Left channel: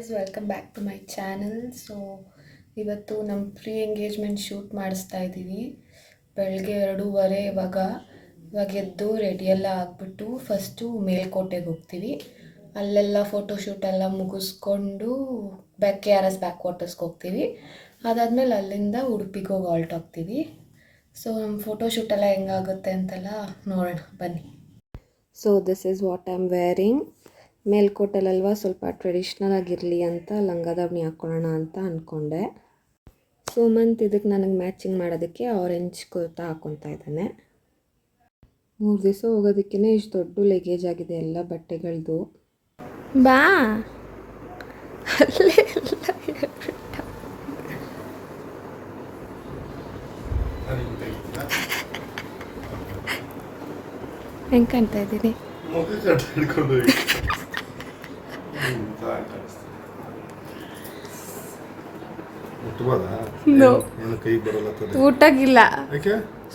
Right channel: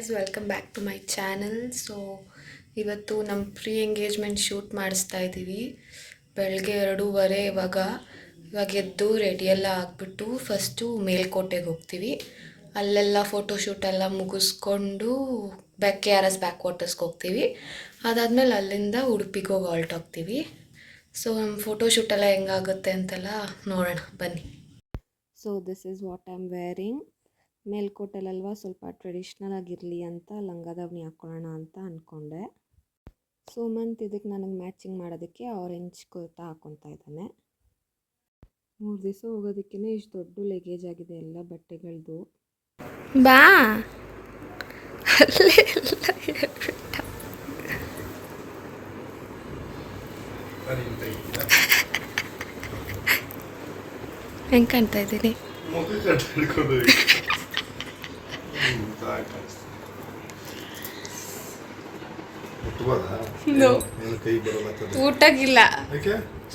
Guys, welcome back to my channel. So ಇವತ್ತು ನಮ್ಮ pre engagement shoot ಮಾಡಿಸ್ತಾ ಇದ್ದೀವಿ. ಬೆಳಗ್ಗೆ 2:30 ಇವಾಗ ಎದ್ದು ರೆಡಿಯೆಲ್ಲ ಆಗಿಬಿಟ್ಟು ಫಸ್ಟು ಮೇಲ್ಕೋಟೆಗೆ ಹೋಗ್ತೀವಿ. ಅಲ್ಲೆಲ್ಲ ಫೋಟೋಶೂಟ್ ಎಲ್ಲ ಮುಗಿಸ್ಕೊಂಡು KRS ಬ್ಯಾಕ್ ವಾಟರ್ಸ್ಗೆ ಹೋಗ್ತೀವಿ. ಅದಾದಮೇಲೆ ಅಲ್ಲಿಂದ ಉಡುಪಿಗೆ ಹೋಗಿ ಹೊರಟೋಗ್ತೀವಿ. ಸೊ ನಮ್ಮ ಫೋಟೋಶೂಟ್ ಎಲ್ಲ ಹೆಂಗಾಗುತ್ತೆ ಅಂತೆಲ್ಲ ನೋಡೋಣ ಬನ್ನಿ. So this is what I am wearing. ಮೇಲ್ಕೋಟೆಲಲ್ವ ಸ್ವಲ್ಪ ಟ್ರೆಡಿಷ್ನಲ್ ಆಗಿರಲಿ ಅಂತ ಲಂಗ ದಾವಣಿ ಹಾಕ್ಕೊಳ್ಳೋಣ ಅಂತ ಅಂದ್ಕೊಂಡೆ. ಸುಮಂತ್ ಇದಕ್ಕೆ ನನಗೆ ಮ್ಯಾಚಿಂಗ್ ಮಾಡೋದಕ್ಕೆ ಆರೆಂಜ್ ಕುರ್ತಾ ಹಾಕ್ಕೊತಾ ಇದ್ದಾನೆ. 3 ದಿವಸ ಹೋಗೋದಕ್ಕೇ ಇಷ್ಟು ದೊಡ್ಡ ಲೆಗೇಜ್ ಆಗಿದೆ ಎಲ್ಲ ಬಟ್ಟೆಗಳದ್ದು. ಬಾ ಅಲ್ಲೇ ಎಲ್ಲ ಹೇಳ್ಬಿಟ್ಟ. ಹೆಂಗೆ ಕಾಣ್ತಾ ಇದ್ದೀನಿ? ಊಟಗಿಲ್ಲ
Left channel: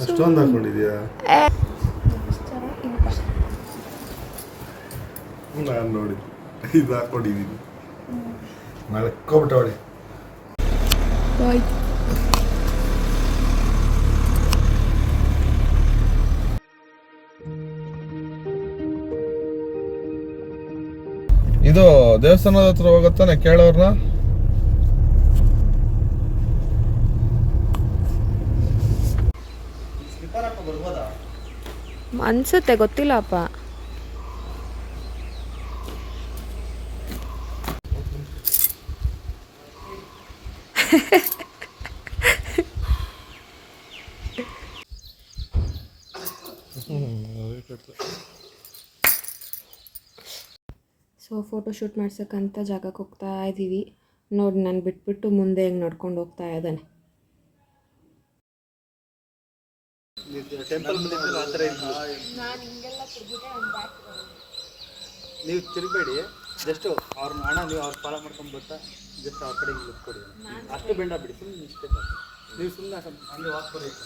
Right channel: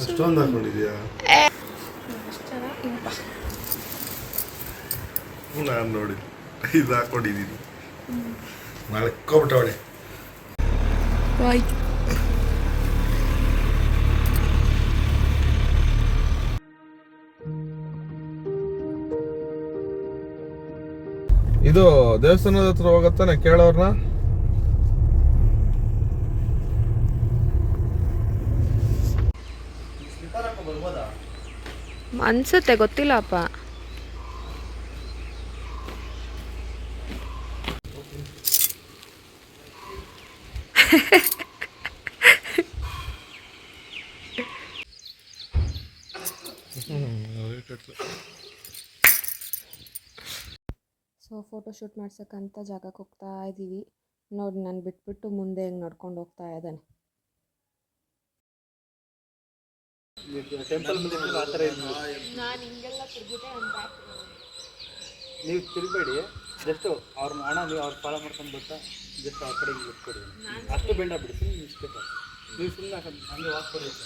ಅಷ್ಟೊಂದು ಹಾಕೊಂಡಿದ್ಯಾ? ನಾನು ನೋಡಿ ಇದು ಹಾಕೊಂಡಿದ್ದೀನಿ. ಮಲ್ಕೊಬಿಟ್ಟವಳೆ. ಇದು ದೇವಸ್ಥಾನದ ಹತ್ರ ಹೋಗತ್ತಾನೆ, ಕೇಳೋರ್ನ. ಅನ್ಸುತ್ತೆ, ಗೊತ್ತಿಲ್ಲಪ್ಪ. ಸೊ ಫೋಟೋಶೂಟ್ ಮಾಡ್ಸೋಕ್ಕಂತ ಜಾಗಕ್ಕೆ ಹೋಗ್ತಾ ಇದ್ದೀವಿ. ನೋಡಿ, ನಾನು ಬಿಟ್ಬಿಟ್ಟು ಮುಂದೆ ಹೆಂಗೆ ನೋಡ್ಕೊಂಡು ಹೋಗ್ತಾ ಇದ್ದಾನೆ. ನೀವು ತಿರುಗಬೇಡಿ, ಜಸ್ಟ್ ಅವ್ರನ್ನ ಹಣ ನೀವು ಅವ್ರು ಫಾಲೋ ಮಾಡ್ಕೊಂಡು ಬರ್ತಾ ಜಸ್ಟ್ ಆ ಕಡೆಗೆ ಕೊಡಿ. ಅಷ್ಟೇ ಬೆಂಡ ಬಿಡಿ, ಸುಮ್ಮನೆ ಮಿಸ್ಟೇಕ್. ನೀವು ಸುಮ್ಮನೆ ಹಂಗೆ ವಾಕ್ ಕೊಡಬೇಕು.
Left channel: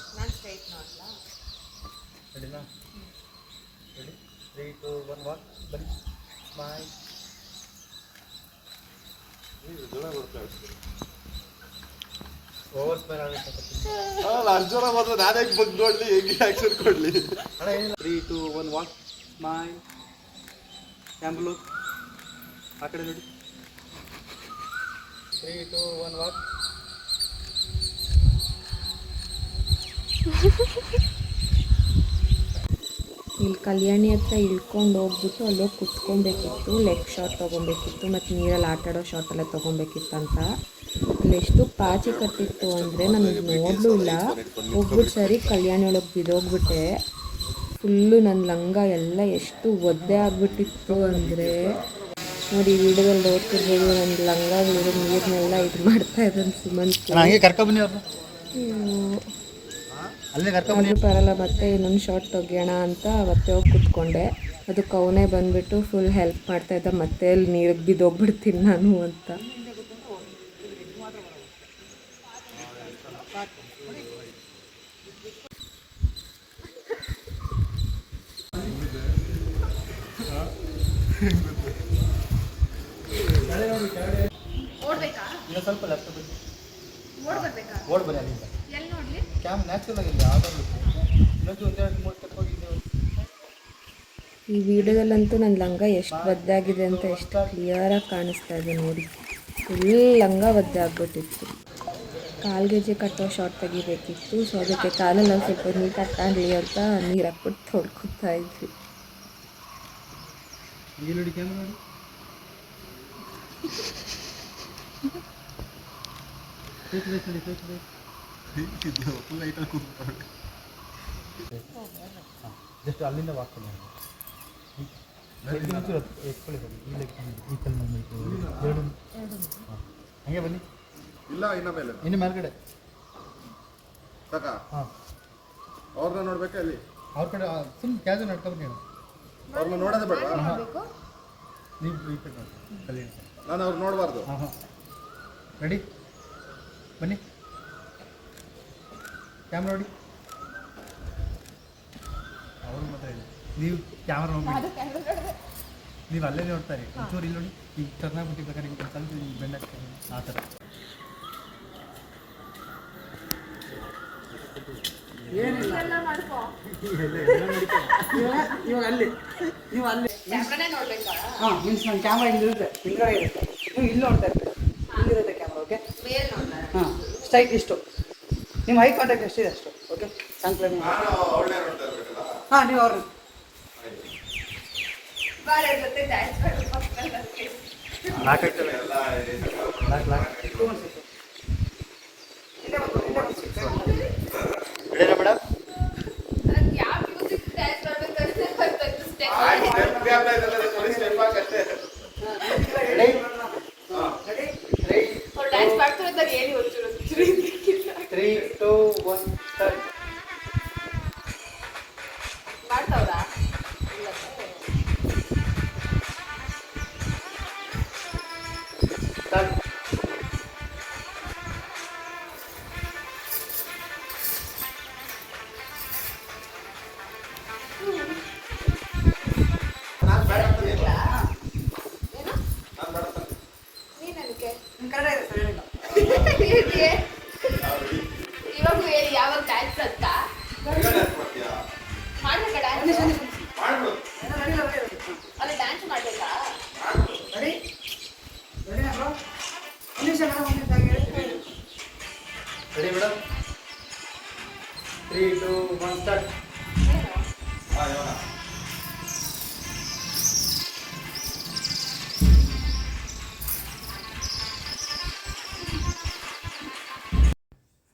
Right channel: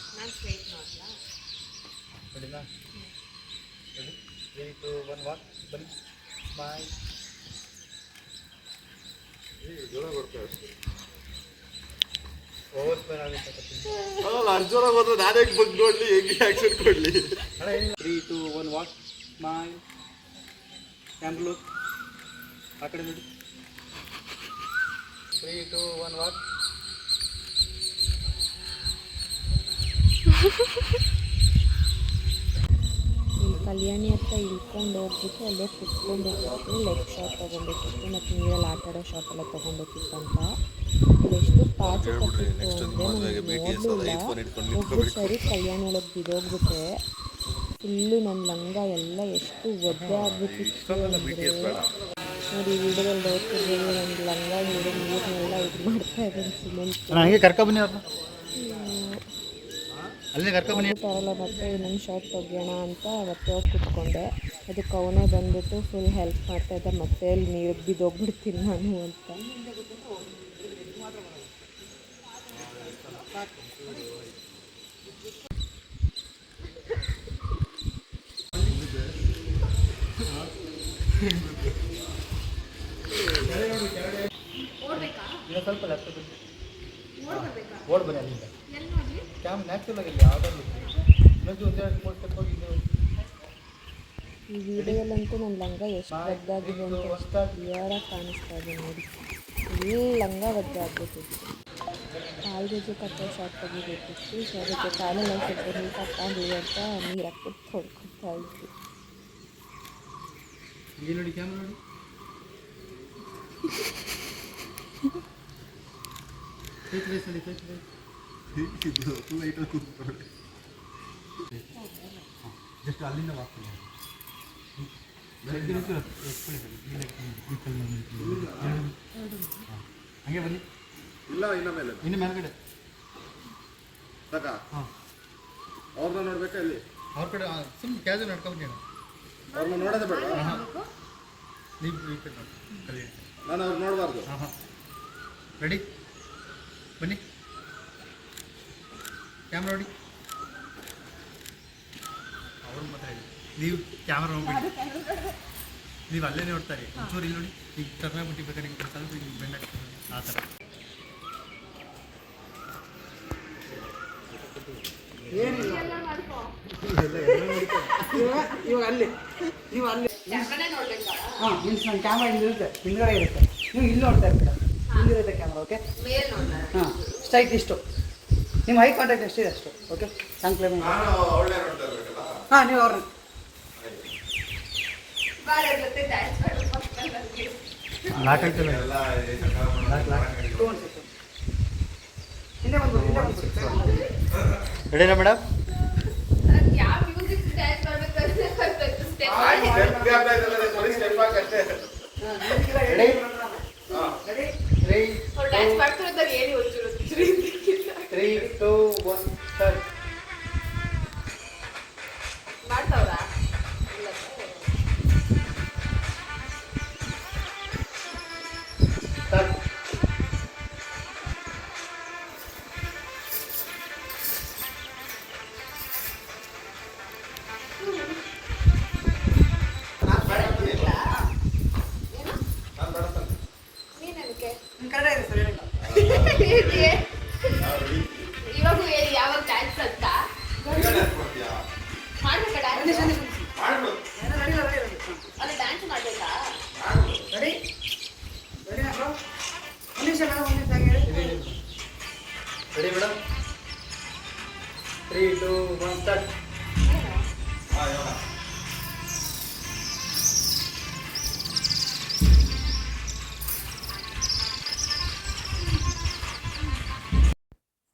ಸರಿನಾ? 3, 2, 1 ವಾಕ್. ಬನ್ನಿ. ಬಾಯ್. ಓವರ್ ಸ್ಪೇರ್ ಆಗುತ್ತೆ. ಅರ್ಜುನ ಬಂದು ನಾನೇ ಬಂದು ನೋಡ್ಲಿ, ಹೆಂಗೆ ಆಕ್ಷನ್ ಕೊಡ್ಲಿ. 3, 2, 1 ವಾಕ್. ಸ್ಮೈಲ್. ಕ್ಯಾಮ್ರಾ ಆ ಕಡೆ ನೋಡಿ. 3, 2, 1 ವಾಕ್. ಇಲ್ಲಿ ಕಲ್ಯಾಣಿ ಹತ್ರ ಇಳ್ಕೊಂಡು ಹೋಗ್ಬಿಟ್ಟು ಅಲ್ಲೋಗಿ ಕುತ್ಕೊಬೇಕಿತ್ತು. ಲೆಗ್ ಶಾಟ್ ತೊಗೊಬೇಕಿತ್ತು ಮತ್ತು ನೀರಲ್ಲಿ ಆಟಾಡೋ ಶಾಟ್ ಎಲ್ಲ ತೊಗೊಬೇಕಿತ್ತು ಅಂತ. ಅಲ್ಲೆಷ್ಟು ಪಾಚಿ ಕಟ್ಟಿತ್ತು ಅಂದರೆ ನನಗೆ ನೋಡಲೂ ಇಲ್ಲ. ಹೋಗ್ಬಿಟ್ಟು ಸರಿ ಕಲ್ಯಾಣಿ ಒಳಗೆ ಬಿದ್ದೋಗ್ಬಿಟ್ಟೆ. ಫುಲ್ಲು ನನ್ನ ಲಂಗ ಎಲ್ಲ ಎಷ್ಟು ಒದ್ದೆ ಆಗಿಬಿಟ್ಟಿತ್ತು ಅಂದರೆ ನೋಡಿ, ವಿಡಿಯೋದಲ್ಲಿ ನೋಡ್ತಿರ್ಬೋದು. ನನ್ನ ಲಂಗ ಹಿಡಿದು ನೀರನ್ನೆಲ್ಲ ಇದು ಮಾಡ್ತಾ ಇದ್ದಾನೆ ಸುಮಂತ್. ಹಂಗೆ ಕರ್ಕೊಬನ್ನಿ ಅವ್ರನ್ನ, ಅಲ್ಲಿ ಕರ್ಕೊಬನ್ನಿ. ಬರಲ್ಲ, ಮತ್ತೆ ಇನ್ನೊಂದು ಶಾರ್ಟ್ ತೆಗಿಯೋಣ ಅಂತ ಮತ್ತೆ ಹೋಗಿ ಕುತ್ಕೊಂಡೆ. ಅದಕ್ಕೆ ಅವನೇ ಬಂದುಬಿಟ್ಟು ಫುಲ್ ಹೆಲ್ಪ್ ಮಾಡ್ತಾಯಿದ್ದ. ಮತ್ತೆ ಅಲ್ಲಿ ನೀರಿಗೆ ಬಿದ್ದೋಗ್ಬಿಡ್ತೀನಿ ನಾನು ಅಂತ. ಇಲ್ಲ ಸ್ವಲ್ಪ ಲೆಫ್ಟ್ ಬಿಟ್ಟು ಓಡ್ ಬನ್ನಿ. ಅಲ್ಲಿಂದ ಕ್ಯಾಮ್ ನ್ಯಾಚುರಲ್ ಆಗಿದೆ. ಇನ್ನೊಂದು 1-2-3 ಸ್ಟೆಪ್ ಹೋಗಿದ್ದು. ಈ ವಿಡಿಯೋದಲ್ಲಂತೂ ನನ್ನ ಲಂಗ ಎಷ್ಟು ಒದ್ದೆ ಆಗಿದೆ ಅಂತ ಎಷ್ಟು ಕ್ಲಿಯರಾಗಿ ಕಾಣಿಸ್ತಾ ಇದೆ ನೋಡಿ. ಫುಲ್ ಲಂಗ ಒದ್ದೆ ಆಗ್ಬಿಟ್ಟಿತ್ತು. ಕಾಲ್ಗೆಜೆ ಕಟ್ಟೋ ಶಾರ್ಟ್ ತೆಗಿಬೇಕಿತ್ತು. ಸೊ ಅದಕ್ಕೆ ಕಾಲೆಲ್ಲ ಸ್ವಲ್ಪ ನೀಟಾಗಿ ಕಾಣಲಿ ಅಂತ ನೀರು ಹಾಕ್ಬಿಟ್ಟು ತೊಳ್ಕೊತಾ ಇದ್ವಿ. ಇಲ್ಲಿ ನೋಡಿ, ಕ್ಯಾಮ್ರಾ ನೋಡಿ. ಜಸ್ಟ್ ಅಲ್ಲಿಂದ ವಾಕ್ತೀನಿ. ಹಂಗೆ ಬನ್ನಿ. ಇಲ್ಲ, ಇನ್ನು ಮೇಲ್ಗಡೆ ಸಾಕ. ಅವ್ರನ್ನ ನೋಡ್ಬೇಕಾ? ಅಲ್ಲಿ ಅವ್ರ ಕಡೆ ಸುಮ್ಮನೆ ಕ್ಯಾಜುವಲ್ ನಡ್ಕೊಂಡು ನೀವು ಅವ್ರನ್ನ ನೋಡೋದೇ ಬೇಡ. ನೀವು ಈ ಕಡೆ ನೋಡಿ. ನಾನು ಅವ್ರು ನೋಡಬಾರ್ದು. ರೆಡಿ? ಬನ್ನಿ, ಕ್ಯಾಮ್ರಾ ನೋಡಿ. ಅವ್ರು ಮಾತಾಡಿ, ನೀವು ಕ್ಯಾಮ್ರಾ ನೋಡಿ. ನೀವು ಅಲ್ಲೇ ನೋಡ್ತಾರೆ ಒಂಚೂರು ಇಲ್ಲಿ ನೋಡಿ ಈಗ ಟರ್ನಾಗ್ಬಿಟ್ಟು ಬೇಕಾದ್ರೆ ಈಗ ಸ್ವಲ್ಪ ಹಿಂಗೆ ಬೆಂಡ್ ಹಾಕ್ತಾರೆ ಆ ಥರ ಏನಿಲ್ಲ ಇವಾಗ ಅಲ್ಲಿ ನೀವು ಅಲ್ಲಿ ಹಾಂ ಮೀನ್ಸ್ ನಮ್ಮ ಕ್ಯಾಮ್ರಾ ಇಲ್ಲಿರುತ್ತೆ ಹಿಂದ್ಗಡೆ ಇರುತ್ತೆ ನೀವು ಇಲ್ಲಿ ನೋಡ್ತಾ ಇರ್ತೀರ ಇಲ್ಲಿರುತ್ತೆ ಕ್ಯಾಮ್ರಾ ಓಕೆ ಹಾಂ ಸ್ಟ್ರೈಟ್ ಇಷ್ಟು ನಿಮ್ಮ ಹೈ ಕಾಂಟ್ಯಾಕ್ಟ್ ಎಷ್ಟಿದೆ ಅಷ್ಟು ಓಕೆ ಸಂಕ್ಲೈನಿಂಗ್ ಹಾಂ ನೀವು ಅವ್ರನ್ನ ರೆಡಿನಾ madam three two one start ಮಾಡ್ತಾವ್ರಾ ಇವಾಗ ಯಾವ ಡ್ಯಾನ್ಸ್ ಅಂತ ಅಲ್ಲಿ ಡ್ಯಾನ್ಸ್ ಮಾಡಬೇಕಾ ready madam three two one start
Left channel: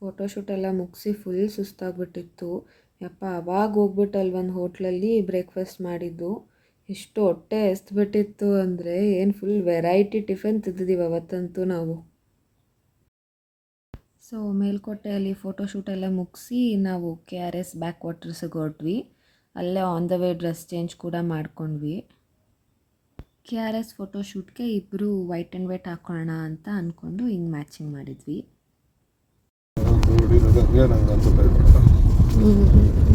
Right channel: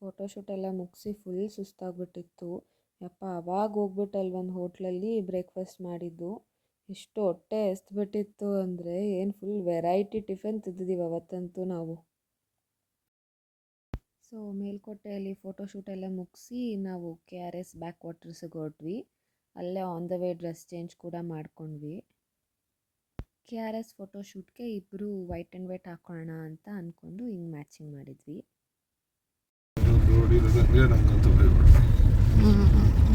photoshoot ಎಲ್ಲ ಮುಗಿಸಿ ಫುಲ್ ಸುಸ್ತಾಗ್ಬಿಟ್ಟಿತ್ತು ಯಪ್ಪ ಅವಾಗ ಹೋಗ್ಬಿಟ್ಟು ಅಲ್ಲಿ ಒಂದು ಹೋಟ್ಲಲ್ಲಿ ಬ್ರೇಕ್ಫಾಸ್ಟ್ ಮಾಡಿದ್ದು ಎಷ್ಟು ಹೊಟ್ಟೆ ಎಸ್ಬಿಟ್ಟಿತ್ತು ಅಂದರೆ ಏನು ಫುಲ್ ವೆರೈಟಿ ಟಿಫನ್ ತಿಂದಿದ್ದೀವಿ ಅವತ್ತಂತೂ ನಾವು. ಸೊ ಮೇಲ್ಕೋಟೆಯಲ್ಲಿ ಫೋಟೋಶೂಟ್ ಎಲ್ಲ ಮುಗಿಸಿ ನಾವು KRS ಬ್ಯಾಕ್ ವಾಟರ್ಸಿಗೆ ಹೊರಟ್ವಿ. ಅಲ್ಲೇ on the way dress change ಕೂಡ ಮಾಡ್ಕೊಂಡ್ವಿ. KRS ಫೋಟೋಶೂಟ್ಗೆ ಇಬ್ಬರು ವೈಟ್ ಆ್ಯಂಡ್ ವೈಟ್ ಹಾಕೋಣ ಅಂತ ಅಂದ್ಕೊಂಡು ಹಿಂಗೆ ಮ್ಯಾಚಿಂಗ್ ಮಾಡಿದ್ವಿ.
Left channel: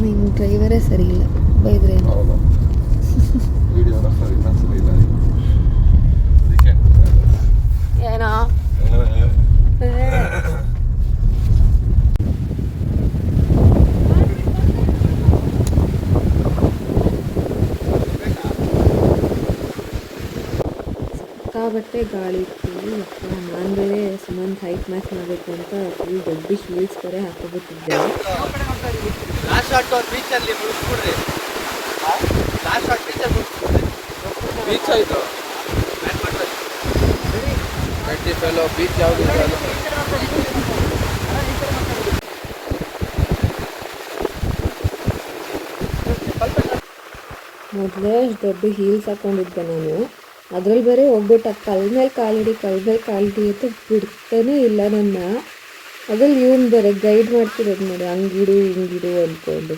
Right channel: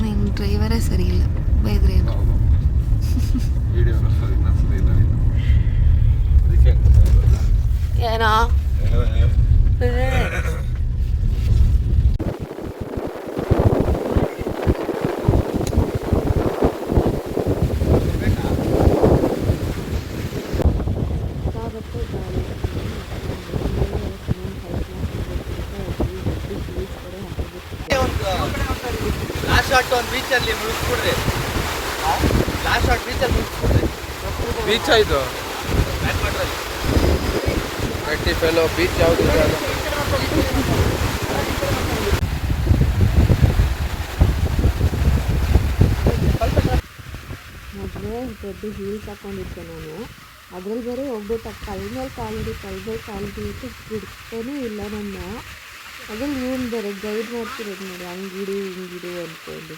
ನಿಂಗೆ ಡ್ರೈವರೇ ಸರಿ ಇಲ್ಲ, ಬೈದ್ರೆ ಏನೋ ಸಿಕ್ಕಾಬಟ್ಟೆ ಗಾಳಿ ಇರ್ತೀವಿ. ನಾನು ಬೇರೆ ಸುಮ್ಮನೆ ಹೈಟ್ ಮ್ಯಾಚ್ ಮಾಡಬೇಕು ಅಂತ ಫುಲ್ ದೊಡ್ಡ ಶೂಸ್ ಬೇರೆ ಹಾಕೋಬಿಟ್ಟಿದ್ದೆ. ಮೊದಲೇ ದೊಡ್ಡ ಹೀಲ್ಸ್ ಹಾಕೊಂಡಿದ್ದೆ ನಾನು. ಅದ್ರಲ್ಲಿ ಬೇರೆ ಹೋಗ್ಬಿಟ್ಟು ಕಲ್ ಮೇಲೆ ಕಾಲಿಡಿ ಅಂತ ಬಿಡ್ತಾನೇ ಇಲ್ಲ ನನ್ನ. ಅದ್ರಲ್ಲಿ ಇವನು ಬೇರೆ ಗೈಡ್ ಮಾಡ್ತಿರೋದು ನೋಡಿ, ಹಂಗಿಡು ಹಿಂಗಿಡು ಅಂದ್ಕೊಂಡು.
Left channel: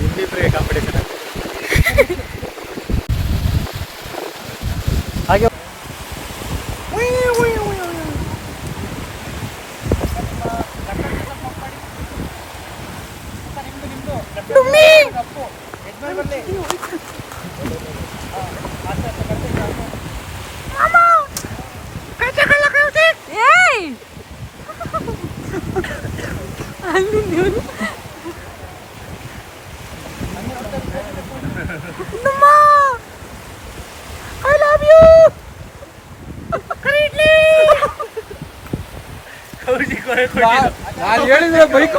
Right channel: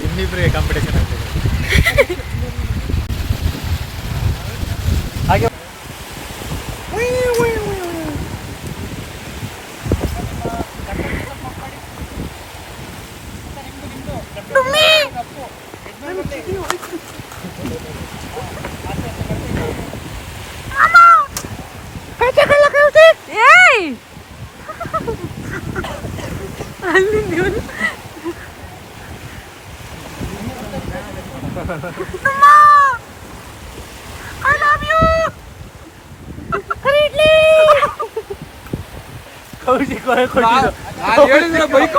ನಿಮ್ಮಿಬ್ಬರಿಗೆ ಕಾಂಪಿಟೇಷನ್ ಆಗ್ತದೆ. ಹಾಗೆ ಹೇಳಿದ್ರೆ ಬೈಕ್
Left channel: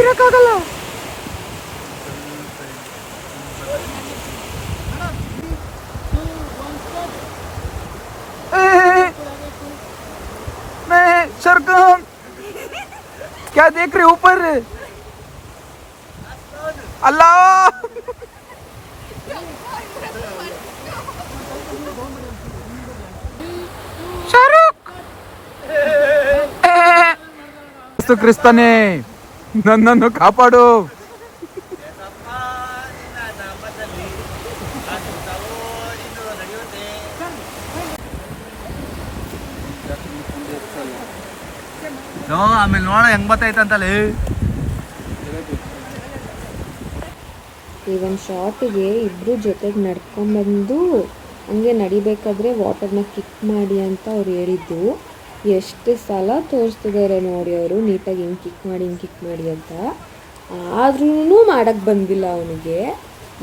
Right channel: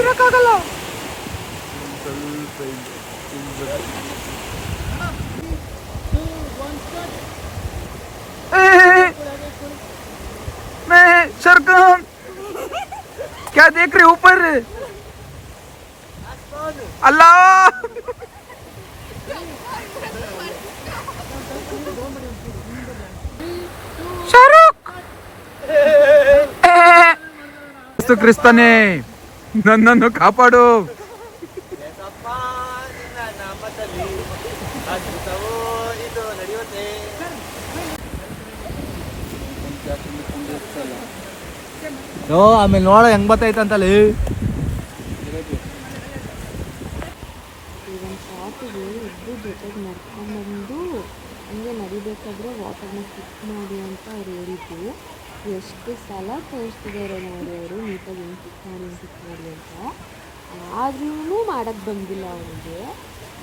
ಇರಕ್ಕಾಗಲ್ಲ. सरकम क्या देख रहे ऊपर? अल्लाह ಯೇಸು ಕ್ರಿಸ್ತನೇ ನನ್ನನ್ನು ಕಾಪಾಡು. ಆಮೇಲೆ ನೋಡ ಹೆಂಗ್ ಬರ್ತೈತಂತಲ್ಲಿ. ಈ ಒಂದು ಶಾರ್ಟಿಗೆ ಇಬ್ಬರು ಜೊತೆಗೆ ನಡ್ಕೊಂಡ್ಬಂದು ಹಂಗೆ ನಡಿಬೇಕಾದ್ರೆ ವಾಟರ್ನ ಕಿಕ್ ಮಾಡಿ ಅಂತ ಅವ್ರು ಹೇಳಿದ್ದು. ಎಷ್ಟು ಸಲ ತೋರಿಸ್ತಿದ್ದಾರೆ ನೋಡಿ ಅವರು, ನೀಟಾಗಿ ಹಿಂಗೆ ಕಿಕ್ ಮಾಡಿ ಅಂತ. ಆದ್ರೂ ಮಾಡೋಕ್ಕೆ ಬಂದಿಲ್ಲ ಅವನಿಗೆ.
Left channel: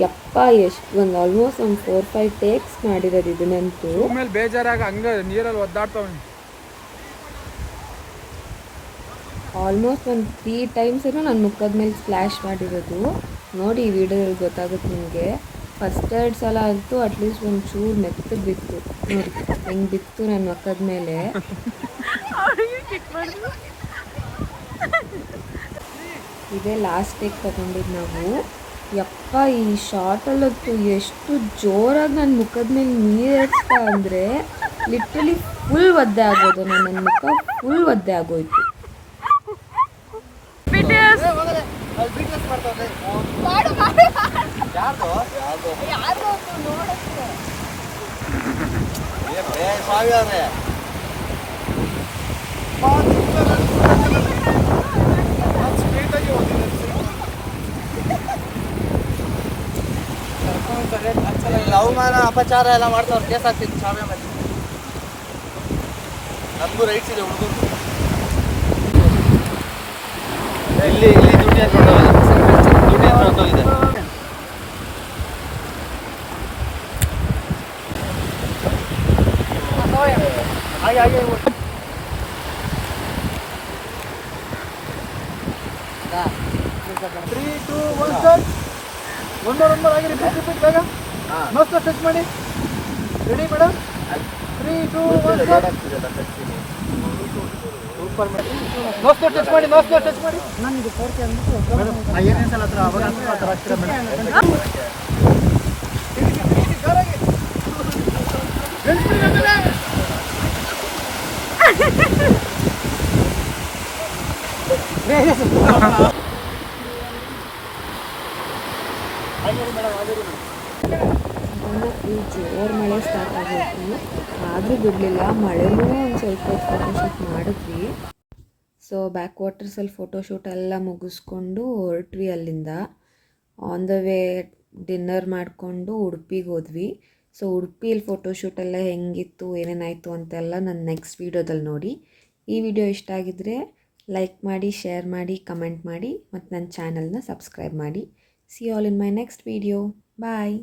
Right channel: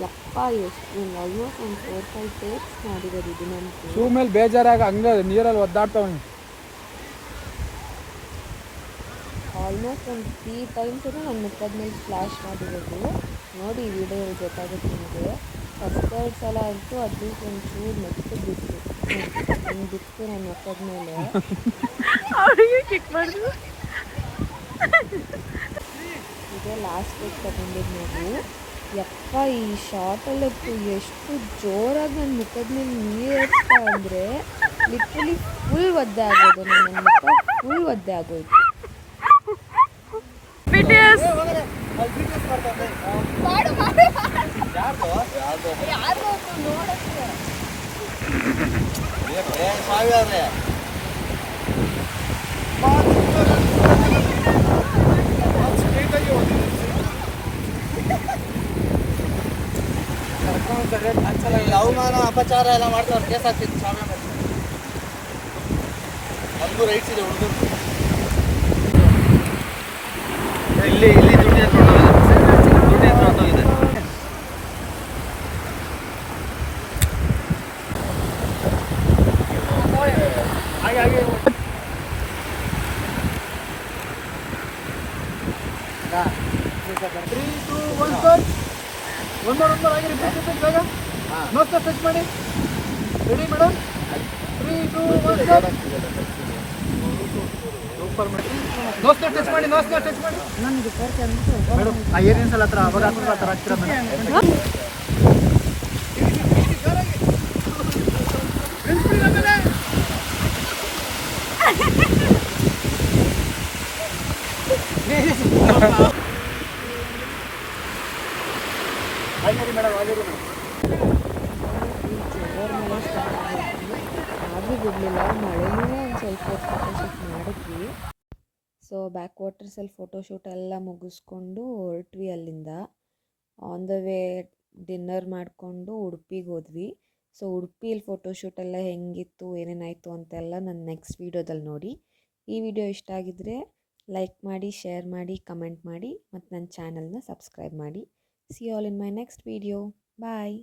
ಯಪ್ಪ ಎಷ್ಟು ಒಂದು ಆಲ್ಮೋಸ್ಟ್ ಒಂದು 4-5 ಟೇಕ್ಸ್ ಮಾಡಿರೋದು ಇದನ್ನಂತೂ. ಮೇಲೆ ಬೇಜಾರಾಗ ಹಂಗ ನೀರಲ್ಲಿ ಒದ್ದಾಡ್ತಾವ. ಆಲ್ಮೋಸ್ಟ್ ಒಂದು 3 ಟೈಮ್ಸ್ ನನ್ನ ಮುಖದ ಮೇಲೆ ಸ್ಪ್ಲ್ಯಾಶ್ ಮಾಡಿರೋದು. ನೋಡಿ ಈ ವಿಡಿಯೋದಲ್ಲಿ ಗೊತ್ತಾಗುತ್ತೆ ನಿಮಗೆ. ಫಸ್ಟ್ 2 ಸಲ ಅಂತೂ ಅಟ್ಲೀಸ್ಟ್ ಒಂದು ಚೂರು ಮೆತ್ತಗೆ ಬಿತ್ತು, ಹೆಂಗೆ ಬಿತ್ತು ನನ್ನ ಮುಖದ ಮೇಲೆ. ಇದೇ ಲಾಸ್ಟ್ ಟೇಕ್ ತಗೊಂಡಿದ್ದು ನಾವು. ಯಪ್ಪ ಈ ಶಾರ್ಟಲ್ಲಂತೂ ಎಷ್ಟು ಜೋರಾಗಿ ನನ್ನ ಮುಖದ ಮೇಲೆ ನೀರು ಹಾಕ್ತಾ ಅಂದರೆ ಲಿಟ್ರಲಿ ಫುಲ್ ಒದ್ದೆ ಆಗೋದು. ನನ್ನ ಮುಖ ಫುಲ್ ಒದ್ದೆ ಆಗೋಯ್ತು. ಅವಮಾನ ಅಪಚಾರ ಎಲ್ಲ ಮಾಡ್ತಾವ್ರು, ಕೇಸ್ ಆಗ್ತಿತ್ತು ಶಾಲೆ ಮೇಲೆ. ನಮಗೂ ರೈಟ್ಸ್ ಇದೆ ಹುಡುಗರು. ಇಲ್ಲಿ ದುಡ್ಡು ಹೊರಟೋಗಿದೆ. ಮಸ್ತ್ ಟಚ್ ಮಾಡಿ. Ready madam? 3, 2, 1 super madam. ನೋಸ್ಕೋ ಟಚ್ ಮಾಡಿ. ನನಗೆ ತೋರಿಸಿ ಅಂದ್ಬಿಟ್ಟು ಮೇಡಮ್ ಆ ಏನೇನು ಸಲ ಹತ್ರ ಅವಾಗ ಆ ಥರ ಹತ್ತಿರ ಮೇಡಮ್. ಈ ಜೋರ್ ಮಳೆ ಸ್ಟಾರ್ಟ್ ಆಗೈತಿ, ಆದರೂ ಬಿಡಲಿಲ್ಲ. ಮಳೆನೂ ಒಂದು ಸ್ವಲ್ಪ ಫೋಟೋಶೂಟ್ ಮಾಡಿದ್ವಿ. ಸೊ ಬ್ಯಾಕ್ ವಾಟರ್ಸಲ್ಲಿ ಫೋಟೋಶೂಟ್ ಎಲ್ಲ ಮುಗಿಸ್ಕೊಂಡು ಹೊರಟ್ವಿ ಅಲ್ಲಿಂದ. ಆನ್ ದ ವೇ ಡಿನ್ನರ್ ಮಾಡಿಕೊಂಡು ಉಡುಪಿಗೆ ಹೋದ್ವಿ. ಸೊ ಉಡುಪಿಯಲ್ಲಿ ಫೋಟೋಶೂಟ್ ಎಲ್ಲ ಹೆಂಗಿತ್ತು, ಏನೇನಾಯಿತು ಅಂತೆಲ್ಲ ನನ್ನ ನೆಕ್ಸ್ಟ್ ವೀಡಿಯೋದಲ್ಲಿ ನೋಡಿ. ಈ ವಿಡಿಯೋ ಇಷ್ಟ ಆಗಿದ್ದರೆ ಲೈಕ್ ಮಾಡಿ, ಶೇರ್ ಮಾಡಿ, ಕಮೆಂಟ್ ಮಾಡಿ ಮತ್ತು ನನ್ನ ಚಾನಲ್ನ ಸಬ್ಸ್ಕ್ರೈಬ್ ಮಾಡಿ. See all in my next video. Bye.